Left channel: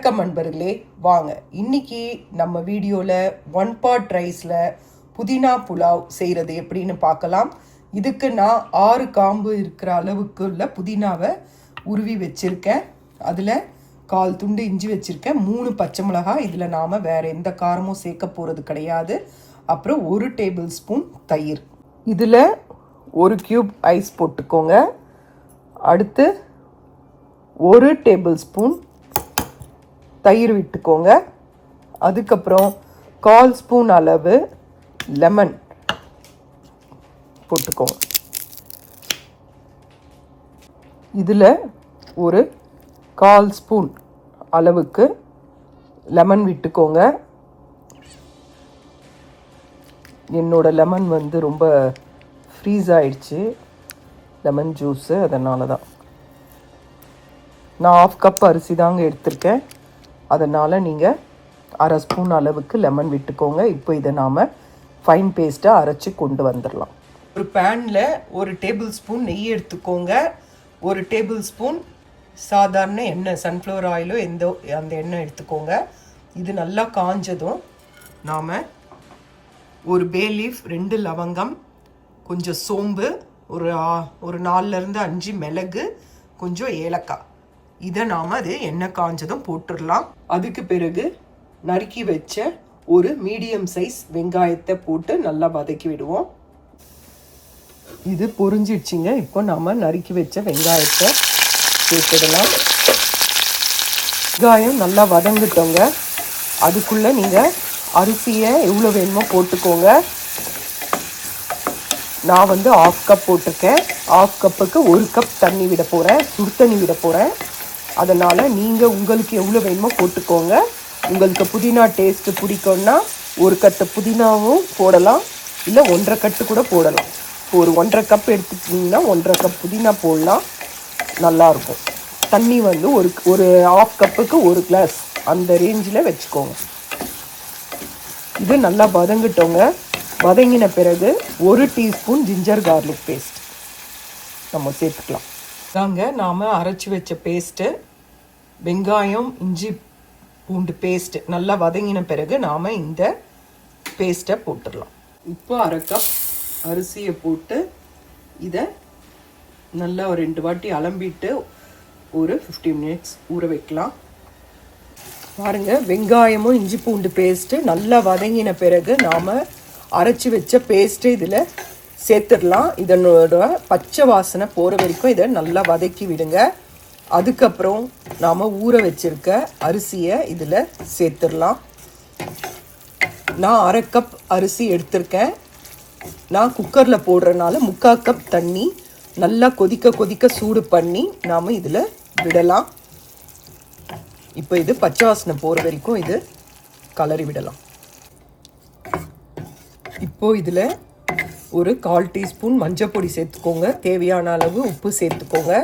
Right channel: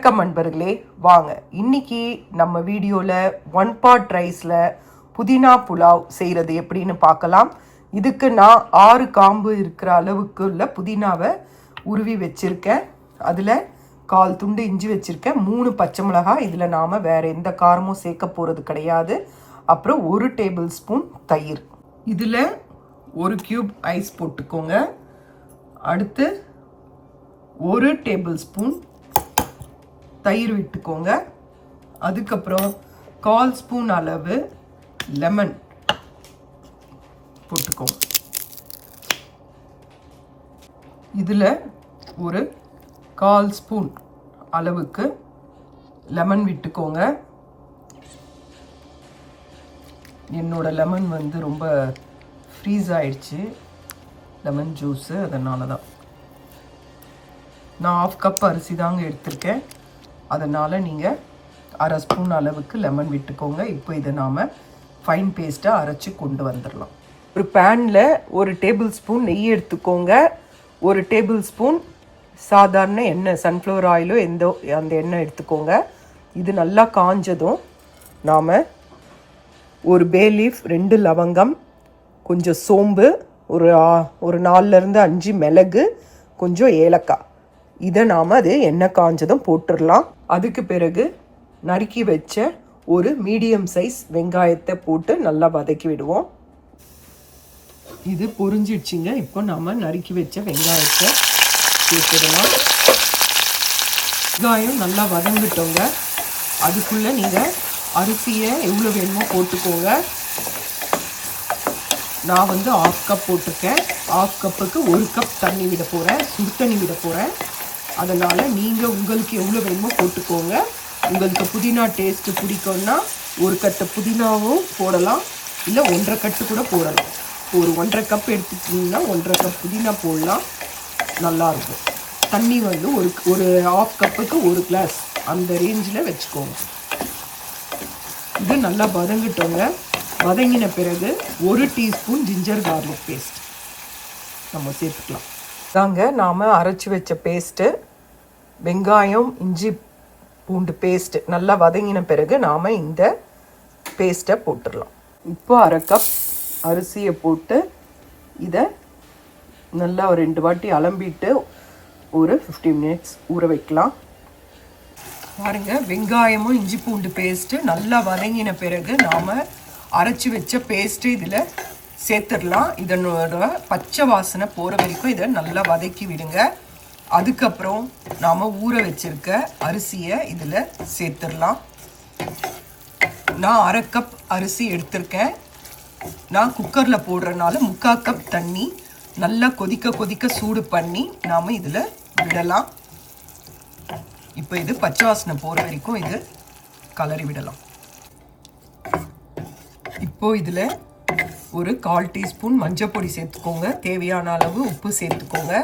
வணக்கம் நண்பர்களே, வாங்க இன்னைக்கு நம்ம வீடியோல ஒன் பாட் ரைஸ்ல புதினா புலாவ் செய்யறது எப்படின்னு பார்க்கலாம். இதுக்கு நான் 6 காம்பு இருக்கிற அளவுக்கு உள்ள புதினாவை உருவி வச்சிருக்கேன். அதுல 1/4 துண்டு இஞ்சி வச்சிருக்கேன், 3 பச்சை மிளகாய். இதுல நாம வேற எந்த காரமும் சேர்க்க போறது கிடையாது. அப்புறம் 1 டேபிள் ஸ்பூன் தயிர். இதுல 1 கியூப் ஐஸ் போட்டுக்கோங்க. அடுத்து 1 டேபிள் ஸ்பூன் தயிர் விட்டுக்கோங்க. அதுக்கப்புறம் 1/4 ஸ்பூன் அளவு லெமன் போட்டுக்கோங்க. இதில் ஒரு 1/4 ஸ்பூன் அளவுக்கு லெமன் விட்டுக்கோங்க. என்னோட லெமன் ரொம்ப ஃப்ரீஸ் ஆயிடுச்சு, லெமன் ஜூஸு, அதனால தான். நான் 1/2 கப் அரிசி தாங்க எடுத்திருக்கேன், அதனால் நீங்கள் 1/2 ஸ்பூன் அளவுக்கு லெமன் விட்டுக்கோங்க. இப்போ இதை நாம் ஃபைன் பேஸ்ட்டாக அரைச்சி கொண்டு வந்துடலாம். ஒரு பேனில் 1 டேபிள் ஸ்பூன் நெய் எடுத்துக்கோங்க. 1 டேபிள் ஸ்பூன் சாதாரண எண்ணெய், சன்ஃப்ளவர் ஆயிலோ அந்த எண்ணெய் எடுத்துக்கோங்க. இது நல்லா காஞ்சதும் நாம் ஒரு பே லீஃப், 2 லவங்கம், கொஞ்சம் சோம்பு, ஒரு 4லேருந்து 5 மிளகு, கொஞ்சம் ஏலக்காய், இதை நாம் அது எண்ணெய் காஞ்சதும் போட்டுடலாம். அதுக்கு பிறகு நறுக்கி வச்ச ஒரு மீடியம் சைஸ் வெங்காயத்தை போட்டு நல்லா வதக்கி விடுவோம். இது பொரிஞ்சிடுச்சிங்க. இப்போ நாம் நறுக்கி வச்ச வெங்காயத்தை சேர்த்துடலாம். வெங்காயம் நல்லா வதங்கிட்டோங்க. அதுக்குள்ளே நீங்கள் அரிசியை எவ்வளோ வேணுமோ போட்டுக்கோங்க. நான் 1/2 கப் போட்டிருக்கேன். 1/2 கப்புக்கு 1 கப் தண்ணி விட போகிறேன், சுடு தண்ணி விட போகிறேன். அதனால் நீங்கள் உங்களுக்கு எவ்வளோ வேணுமோ போட்டுக்கோங்க. உங்களுக்கு புதினா டேஸ்ட்டு பிடிக்கும்னா 1 கட்டு புதினாவும் போடலாம், இல்லை 1/2 கட்டு கூட போடலாம். ஒரு 1/2 கப் எடுத்துக்கிட்டிங்கன்னா 1/2 கப் புதினா போடலாம், நல்லாயிருக்கும். தண்ணி ஒரு 1/2 கப்புக்கு 1 கிளாஸ், அந்த ரேஞ்சில் வச்சுக்கோங்க. இது நல்லா வதங்கிட்டோங்க. வதங்கின பிறகு 1 டீஸ்பூன் ஜிஞ்சர் கார்லிக் பேஸ்ட் நம்ம சேர்த்துக்கலாம். தாங்க நாம் அரைச்சி வச்ச பேஸ்ட்டு, வெங்காயம் இஞ்சி பூண்டு பேஸ்ட்டு நல்லா வதங்கின பிறகு நாம் இந்த பேஸ்ட்டை போட்டுடலாம். இப்போ 1/2 கப் அரிசியை போட்டு இதை நல்லா ஒரு 2 வாட்டி அலம்பிட்டு ஒரு 15 மினிட்ஸ் ஊற வைக்கலாம். பாருங்கள், வெங்காயமும் இஞ்சி பூண்டு பேஸ்ட்டு நல்லா வதங்கின பிறகு நாம் அரைச்சி வச்ச பேஸ்ட்டு இதில் சேர்த்துடலாம். இதனோட பச்சை வாசனை போகிற வரைக்கும் இதை நல்லா வதக்கி விடுங்க. அதுக்கப்புறம் நாம் ஊற வச்சிருக்க அரிசியை இதில் சேர்த்துடலாம். நான் 1/2 கப் அரிசி எடுத்திருக்கேன். நான் குக்கரில் போடுறதுனால 3/4 கப் தண்ணி நல்லா கொதிக்க சூடு பண்ணி நாம் இதில் விடலாம். இப்போ இது பச்சை வாசனை போகிற வரைக்கும் இது கலரி விடலாம். இப்போது இதில் ஒரு 1/4 டீஸ்பூன் மஞ்சள் பொடி சேர்த்துக்கோங்க. தேவையான அளவு உப்பு சேர்த்துக்கோங்க.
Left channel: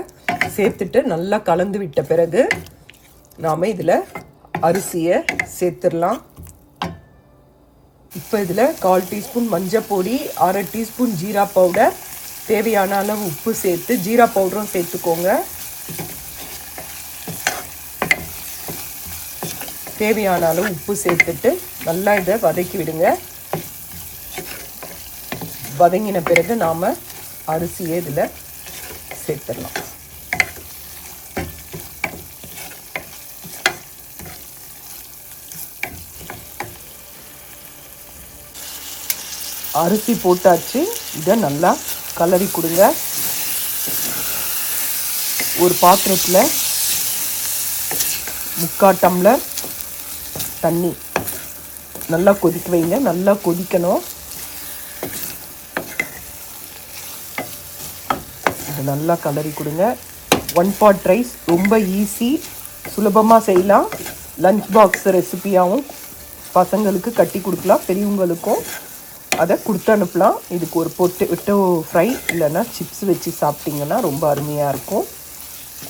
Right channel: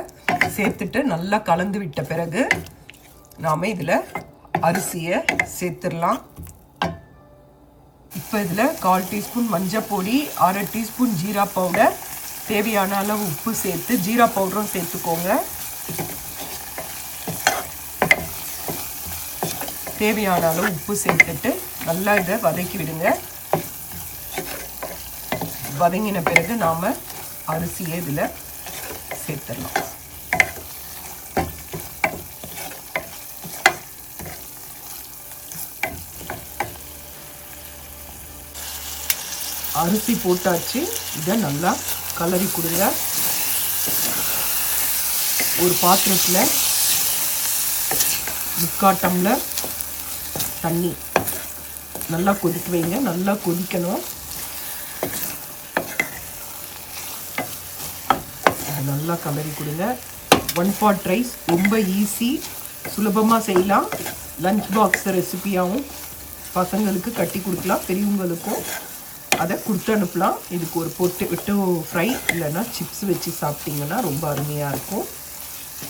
சேர்த்துட்டு நல்லா கலந்து விட்ட பிறகு நாம் இதில் அரிசியை சேர்த்துடலாம். இப்போ இதில் 1/4 டீஸ்பூன் மஞ்சள் பொடி, 1/2 டீஸ்பூன் ஜீரா பவுடர், தேவையான அளவு உப்பு சேர்த்து ஜீரா பவுடரும் சேர்த்துக்கோங்க. தேவையான அளவு உப்பு சேர்த்துட்டு நல்லா இதை வதக்கி விடுங்க. வதங்கின பிறகு நாம் அரிசியை இதில் சேர்த்துடலாம். அரிசி போட்டாச்சு. இதை நல்லா கலரி கொடுங்க. ஒரு பாத்திரத்தில் 3/4 டம்ளர் தண்ணி நல்லா கொதிக்க வைங்க. நல்லா கொதிக்கணும். நல்லா கலரி கொடுங்க. ஒன் பாட் ரைஸ் ரொம்ப ஈஸி, சுலபமாக செய்யலாம். லஞ்ச் பாக்ஸ் ரெசிபியாகவும் பசங்களுக்கு கட்டி கொடுக்கலாம், பெரியவங்களுக்கும் அதை கொடுத்து அனுப்பலாம். இதுக்கு ஒரு பொட்டேட்டோ ஃப்ரை இல்லைன்னா சிப்ஸ் வச்சு சாப்பிட்டிங்கன்னா ரொம்ப அருமையாக இருக்கும்.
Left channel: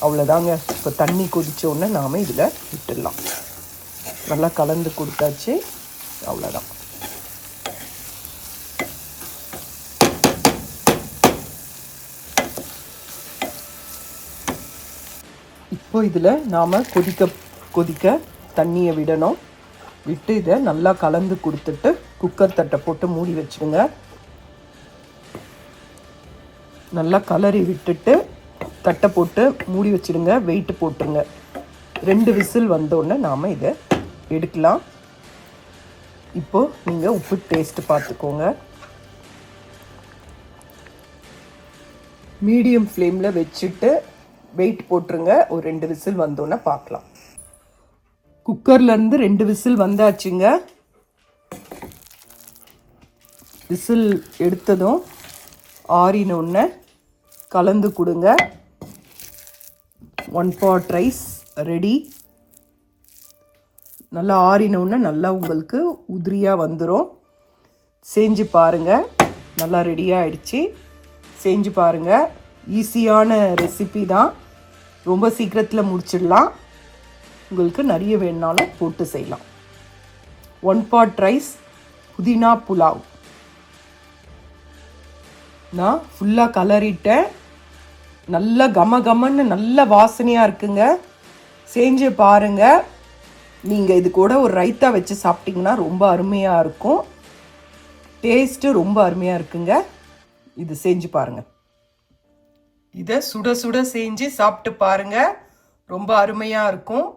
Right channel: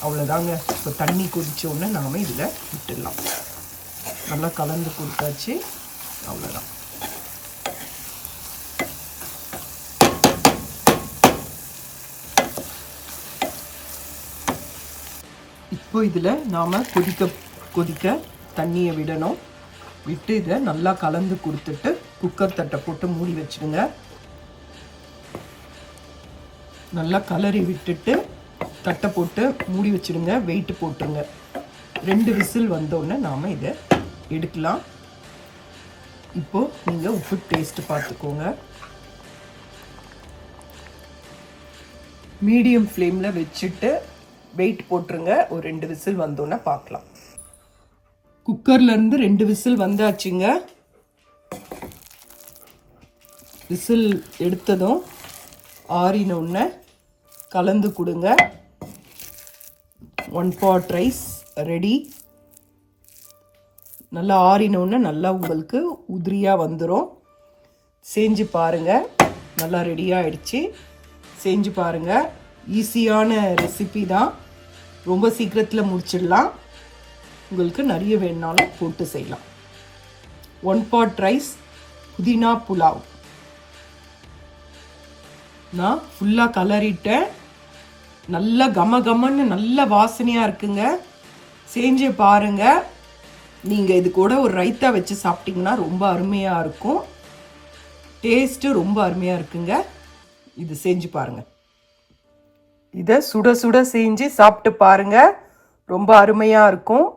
அவ்வளோதாங்க. இப்போ தண்ணி கொதித்தோடனே நாம் இதில் விட்டுடலாம். நல்லா கலந்து கொடுத்தாச்சு, அவ்வளோதான். இப்போ இதில் நாம் கொதிக்க தண்ணியை விடணும். விட்டு இதை நல்லா கலந்து கொடுத்துட்டு குக்கர் தட்டை போட்டு மூடி வச்சுடுங்க. நல்லா கலரி விட்டுட்டு தட்டை போட்டு மூடி வச்சுடுங்க. வெயிட் போட்டுருங்க. 2 விசில் வந்தோடனே நாம் இதை எடுக்கலாம். இப்போ நீங்கள் உப்பு டேஸ்ட் பார்த்துக்கோங்க. மீடியம் ஃப்ளேமில் வச்சுட்டு வெயிட் போட்டுருங்க. ஒரு 2 விசில் வந்தோன்னே பார்க்கலாம். குக்கர்லேருந்து 2 விசில் வந்தாச்சுங்க. விசில் எடுத்ததும் ஆறினோடனே கலந்து கொடுங்க. 1 pot ரைஸ் ரெடி. நல்லா ஆறினோடனே நல்லா உங்களுக்கு உதிரியாக வந்துடும். செஞ்சு பாருங்கள். நல்லா ரெடியாக ஆயிடுச்சு. செஞ்சு பாருங்கள். ஈஸியான ரெசிபி தான். ரொம்ப சீக்கிரத்தில் முடிச்சிடலாம். உங்களுக்கு நிறைய வேணுனாலும் போட்டு செய்யலாம். 1 pot ரைஸ் புதினா புலாவ். நான் ஃபுல்லாக கலரிட்டேன். நல்லா கமன்னு நல்ல வாசனையாக இருக்குங்க. செஞ்சு பாருங்கள். நீங்கள் இது கூட ஒரு ரைத்தா வச்சு சாப்பிட்டிங்கன்னா ரொம்ப அருமையாக இருக்கும். டேஸ்ட்டு ரொம்ப அருமையாக இருக்குங்க. இது செஞ்சு பாருங்கள். இதை சுட சுட செஞ்சு சாப்பிட்டு பாருங்கள். ரொம்ப அருமையாக இருக்கும்.